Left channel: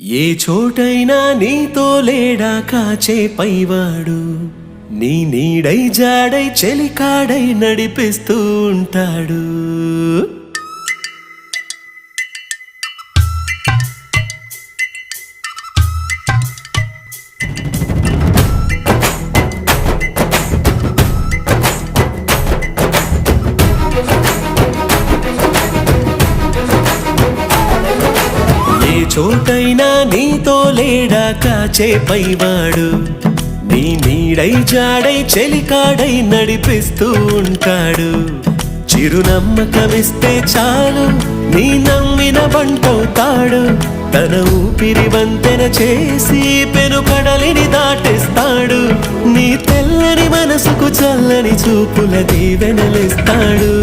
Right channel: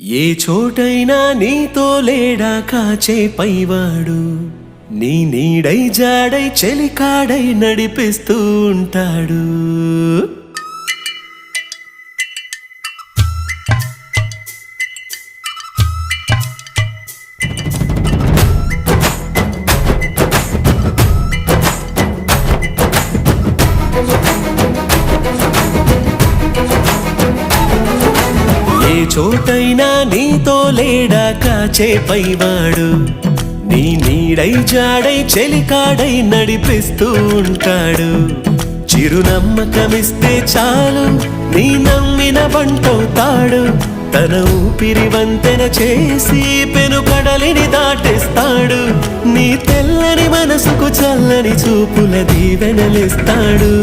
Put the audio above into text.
ఏ చోటైనా నీతో లేడా కాచే పైవాడు, నీ నీడై జాడై చెలికాడై నడిపిస్తూ ఉంటాడు. ఏ చోటైనా నీతో లేడా కాచే పైవాడు, నీ నీడై జాడై చెలికాడై నడిపిస్తూ ఉంటాడు. చిరునమ్మకమిస్తే చాలు నీ నమ్మిన బంటవుతాడు. తన ఊపిరి వంతెన చేసి పెను కడలిని దాటేస్తాడు. నీ తెల్లని మనసుకు చల్లని చూపుల దీవెనలిస్తాడు.